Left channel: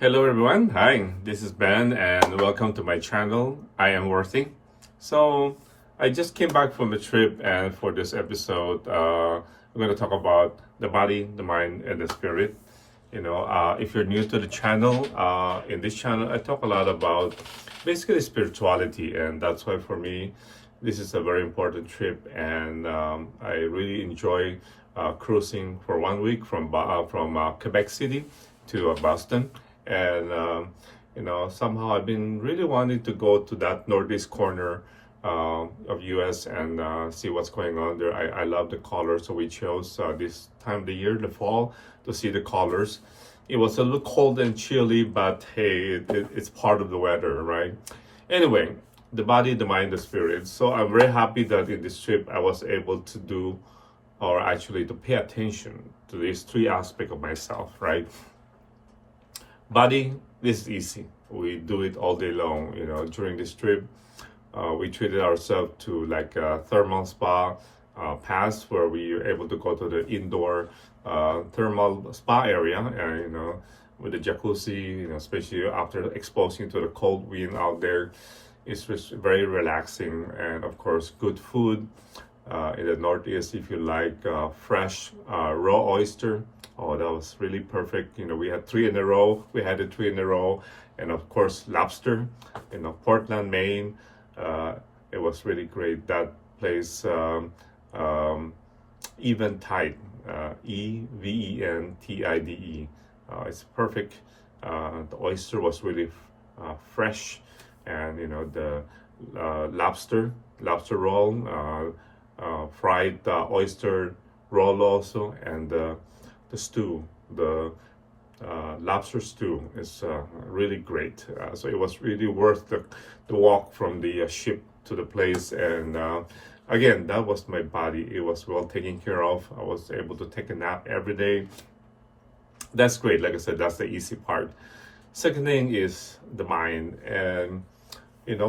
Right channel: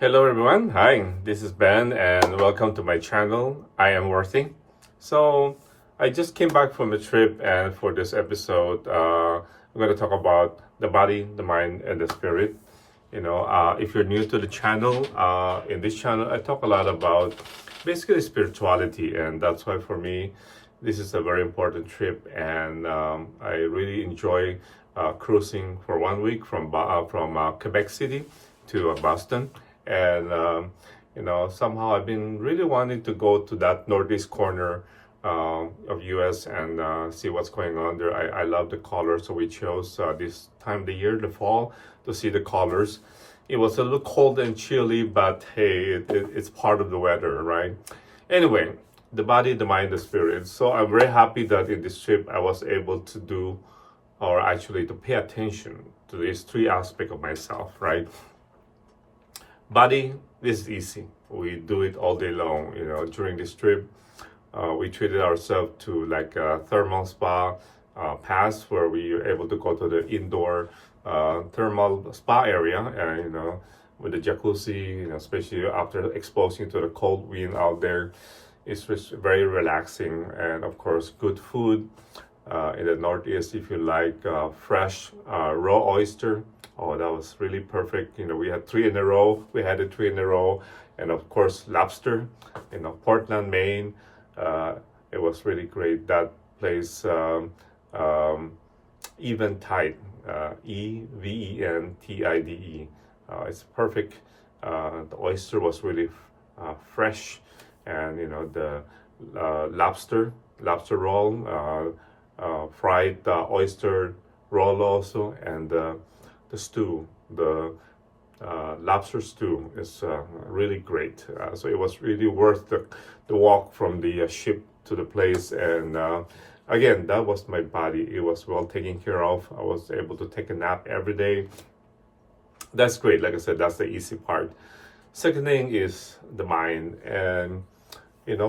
Hello everyone, hi, this is Ben and welcome to my channel. I am Worthy. So I just came back from a trip, and for this episode I'm going to talk about the body, the mind, and the spirit. If you're new to the channel, in this channel I talk a lot about basically spirituality, and that's why for me this is a very important trip. And I really enjoy cruising for 1 week from Quebec City to Boston. And somehow I've been really wanting to go to that northeast corner of US and see what's going on there. I love the colors, so we chose this time of the year, the fall, to see the colors. It was a little cold and chilly, but hey, it's part of the weather, right? Anyway, the body, the mind, the spirit. So I'm very happy that in this trip I was able to do, or actually to pay attention to these three aspects of myself, right? Body, this is easy. We do it all day long. During this trip, we treated ourselves to like a thermal spa pass, where we were able to go to the indoor thermal spa area, and with the jacuzzi, especially after exposing to the cold wind out there, it's just very relaxing. And of course, good food in the Northeast. If you like fresh raw oyster, oh, that was really perfect. We had three in a row. We had it 3 in a row. And of course, lobster, Portland, Maine. It was really great. That place, Eventide, Eventide. It's perfect. The oyster was really fresh. And, the lobster roll, fried oyster roll also, and the stew, the lobster stew is really great. So it was really worth the walk from the ship to the place. And again, that was my body. It was well taken care of. I was able to take a nap every day. That's great. Like I said, that's the easy part. Second thing is the mind. And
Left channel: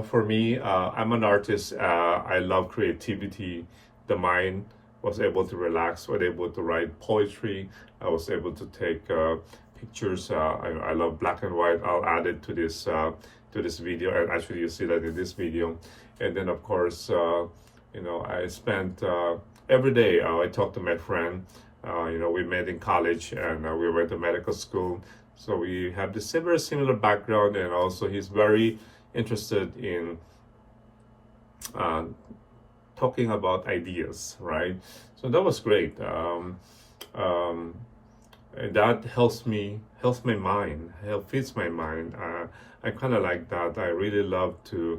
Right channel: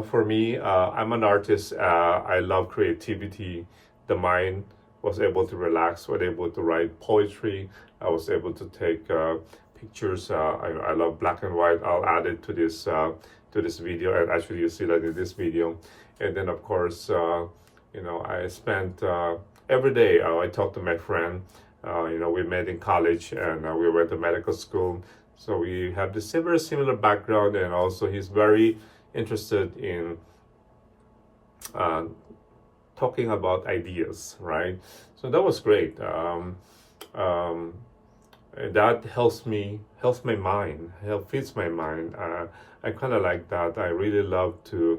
for me, I'm an artist. I love creativity. The mind was able to relax, was able to write poetry. I was able to take pictures. I love black and white. I'll add it to this video, and actually you see that in this video. And then of course, I spent every day. I talked to my friend. We met in college, and we went to medical school. So we have this very similar background, and also he's very interested in talking about ideas, right? So that was great. That helps my mind, feeds my mind. I kind of like that. I really love to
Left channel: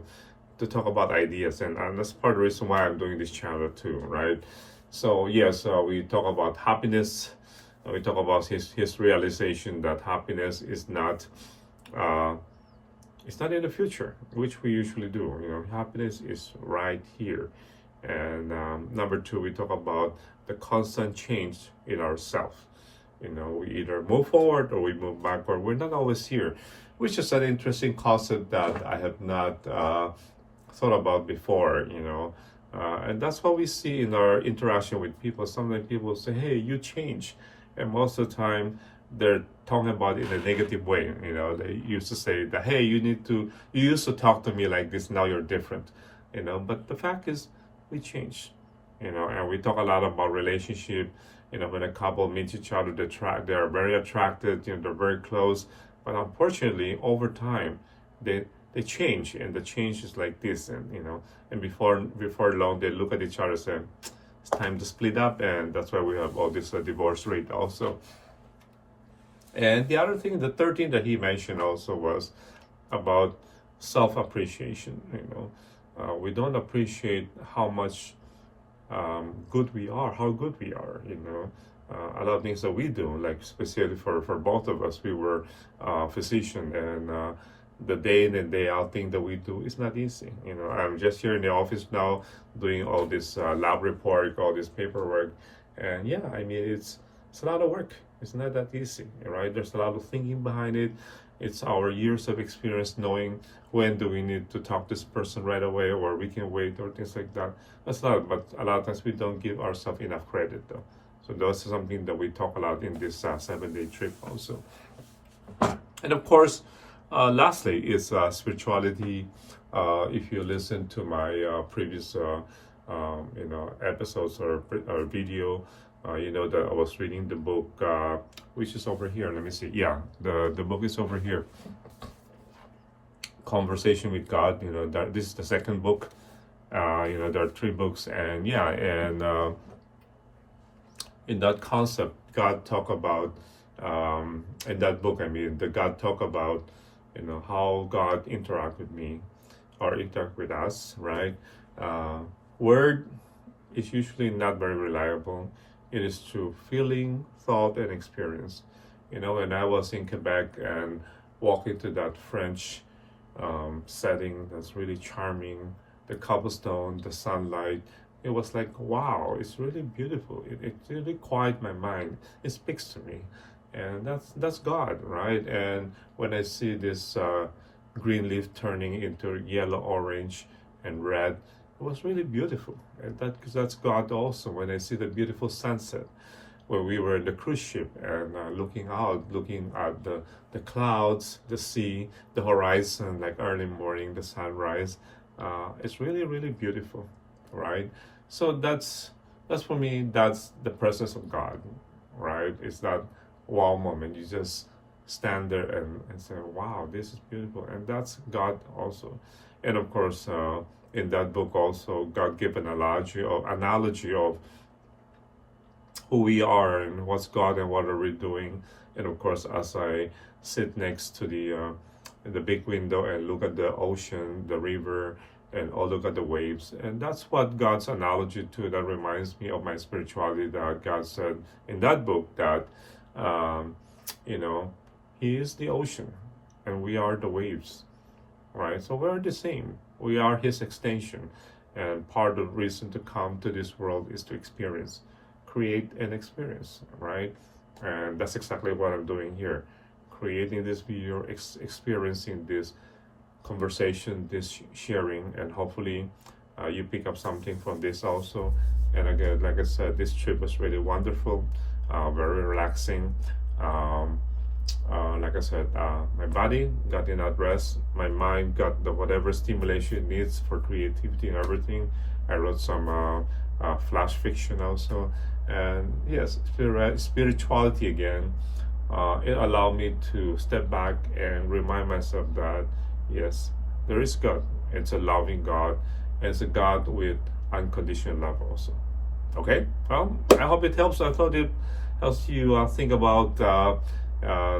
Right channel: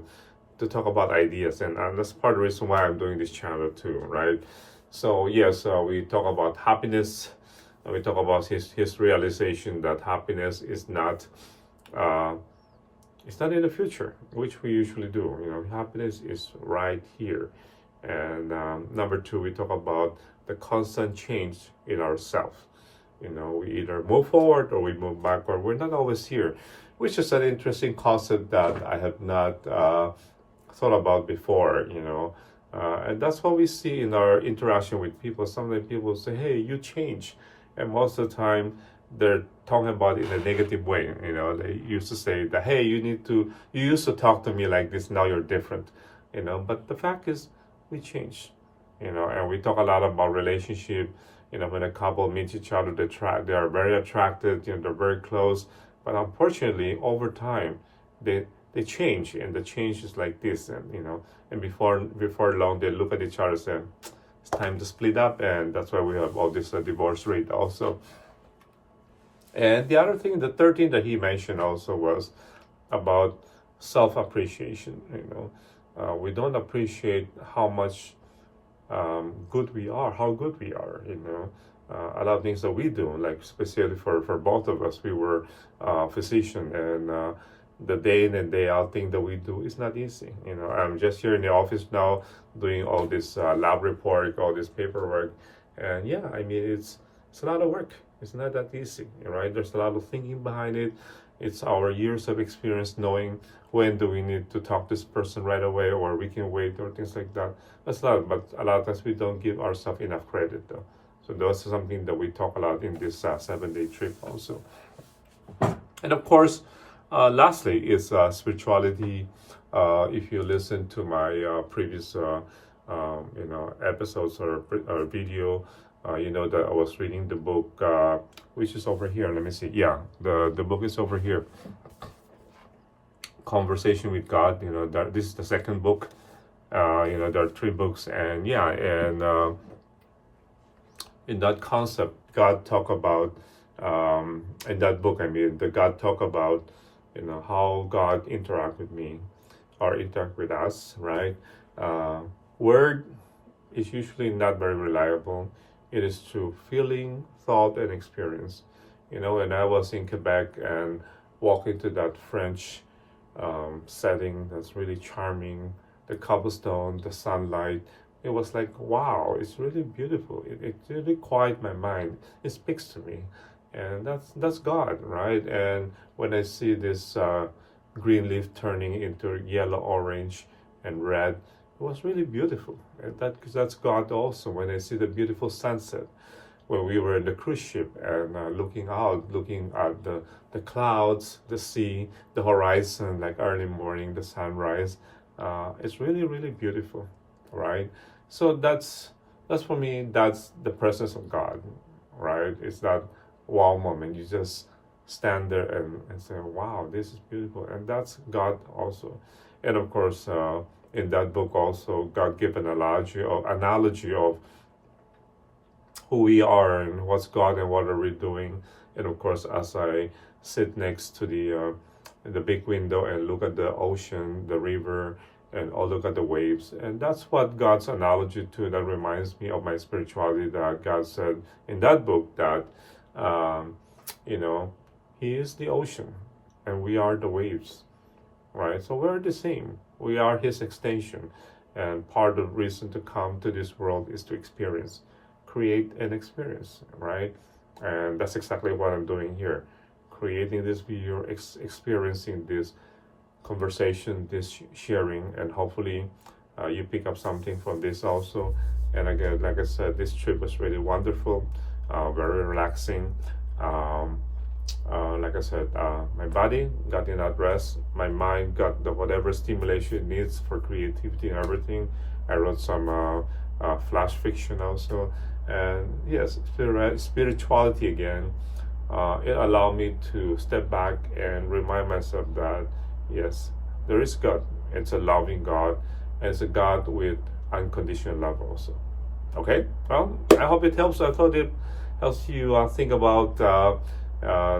talk about ideas, and that's part of the reason why I'm doing this channel too, right? So yes, we talk about happiness. We talk about his realization that happiness is not it's not in the future, which we usually do. Happiness is right here. And number two, we talk about the constant change in ourselves. We either move forward or we move backward. We're not always here, which is an interesting concept that I have not thought about before. And that's what we see in our interaction with people. Sometimes people say, "Hey, you change," and most of the time they're talking about it in a negative way. They used to say that, "Hey, you used to talk to me like this. Now you're different." But the fact is, we change. And we talk a lot about relationship. When a couple meets each other, they are very attracted. They're very close. But unfortunately, over time, they change, and the change is like this. And before long, they look at each other and say, "It's time to split up," and that's why we have all this divorce rate also. And the third thing that he mentioned also was about self-appreciation. We don't appreciate how much good we are, how good we are. A lot of things that we do, like especially for both of us, we were physician, and the day in and day out thing that we do is not easy. I'm just here in the office now doing all this lab report, all this paperwork, and yeah, I mean it's a lot of work. It's not that easy, right? There's a lot of thinking behind it. It's our years of experience knowing when do we need to talk to this person right away, or we can wait, or things like that. That's a lot, but a lot of times we don't give ourselves enough credit, though. So that's something that we talk a lot in this 7-day trip also. And of course, lastly is spirituality. If you listen to my previous episodes or video, you know that I was reading the book, which is over here. Let me see. Yeah, the book is over here. Conversation with God. This is the second book. There are 3 books, and yeah, and in that concept, God talk about in that book. I mean, the God talk about how God interact with me or interact with us. Right? Word is usually not very reliable. It is through feeling, thought, and experience. And I was in Quebec and walking to that French setting that's really charming, the cobblestone, the sunlight. It was like, wow, it's really beautiful. It really quiet my mind. It speaks to me. And that's God, right? And when I see this green leaf turning into yellow, orange, and red, it was really beautiful. And that's God also. When I see the beautiful sunset, when we were in the cruise ship and looking at the clouds, the sea, the horizon, like early morning, the sunrise, it's really, really beautiful, right? So that's for me, that's the presence of God, right? It's that wow moment. You just stand there and say, wow, this is beautiful. And that's God also. And of course, in that book also, God gave an analogy of who we are and what's God and what are we doing. And of course, as I sit next to the big window and look at the ocean, the river, and I'll look at the waves. And that's what God's analogy to that reminds me of my spirituality, that God said in that book that, He is the ocean and we are the waves, right? So we're the same. We are His extension. And part of the reason to come to this world is to experience, create an experience, right? And that's exactly what I'm doing here. Creating this video, experiencing this conversation, this sharing, and hopefully you pick up something from this also. And again, like I said, this trip was really wonderful, very relaxing. Like I said, my body got enough rest, my mind got whatever stimulation it needs for creativity and everything. I wrote some flash fiction also, and yes, spirituality again. It allowed me to step back and remind myself that yes, there is God. It's a loving God, and it's a God with unconditional love also. Okay, well, I hope it helps. I thought it helps you think about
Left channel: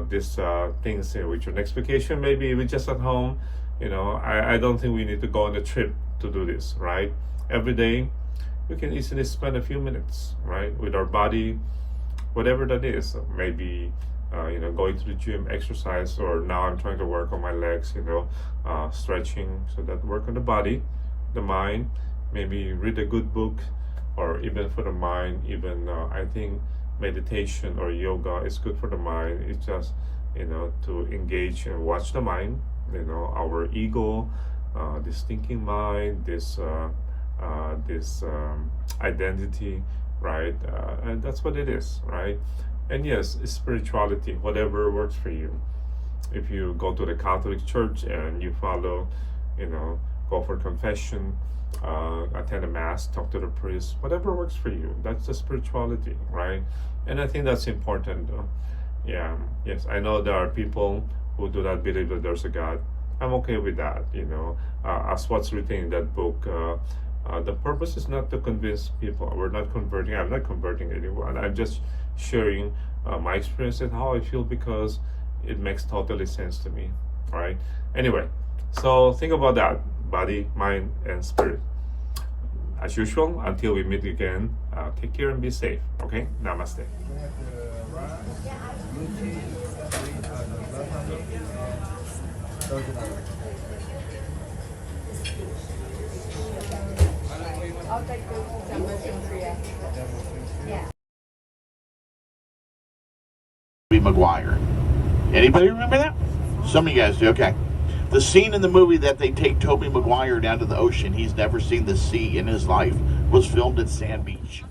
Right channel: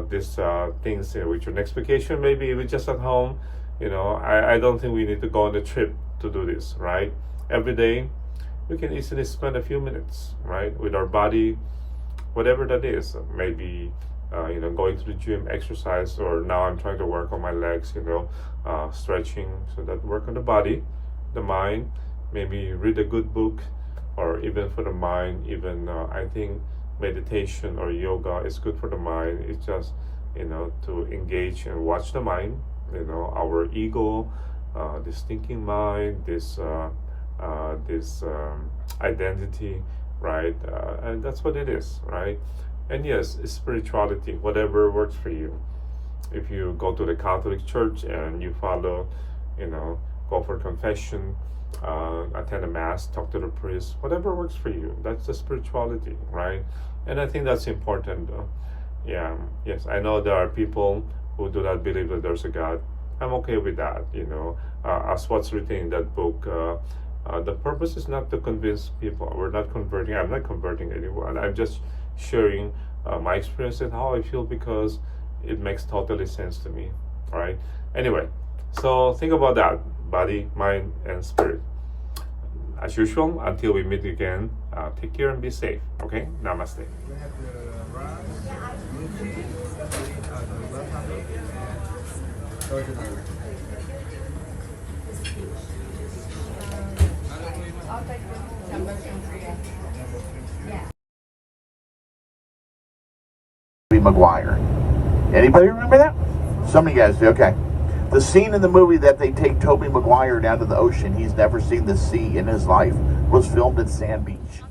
these things with your next vacation, maybe even just at home. I don't think we need to go on a trip to do this, right? Every day we can easily spend a few minutes, right, with our body, whatever that is. Maybe going to the gym, exercise, or now I'm trying to work on my legs, stretching, so that work on the body, the mind. Maybe read a good book, or even for the mind, even I think meditation or yoga is good for the mind. It's just to engage and watch the mind, our ego, this thinking mind, this identity, right? And that's what it is, right? And yes, it's spirituality, whatever works for you. If you go to the Catholic Church and you follow, go for confession, attend a mass, talk to the priest, whatever works for you. That's the spirituality, right? And I think that's important, though. Yeah, yes, I know there are people who do not believe that there's a God. I'm okay with that, as what's written in that book. The purpose is not to convince people. We're not converting. I'm not converting anyone. I'm just sharing my experience and how I feel, because it makes totally sense to me, right? Anyway, So think about that, body, mind, and spirit. As usual, until we meet again, take care and be safe. Okay? Namaste. We have the rice, blue tea, the left handle, and Belgian Irish. I'll take the number 238. Yeah. Tobey Maguire. Anybody remember that? Some of you guys do. Okay. The scene in the movie that they take Tobey Maguire down to the ocean, he's never seen the sea in his life, was filmed at Sand Beach.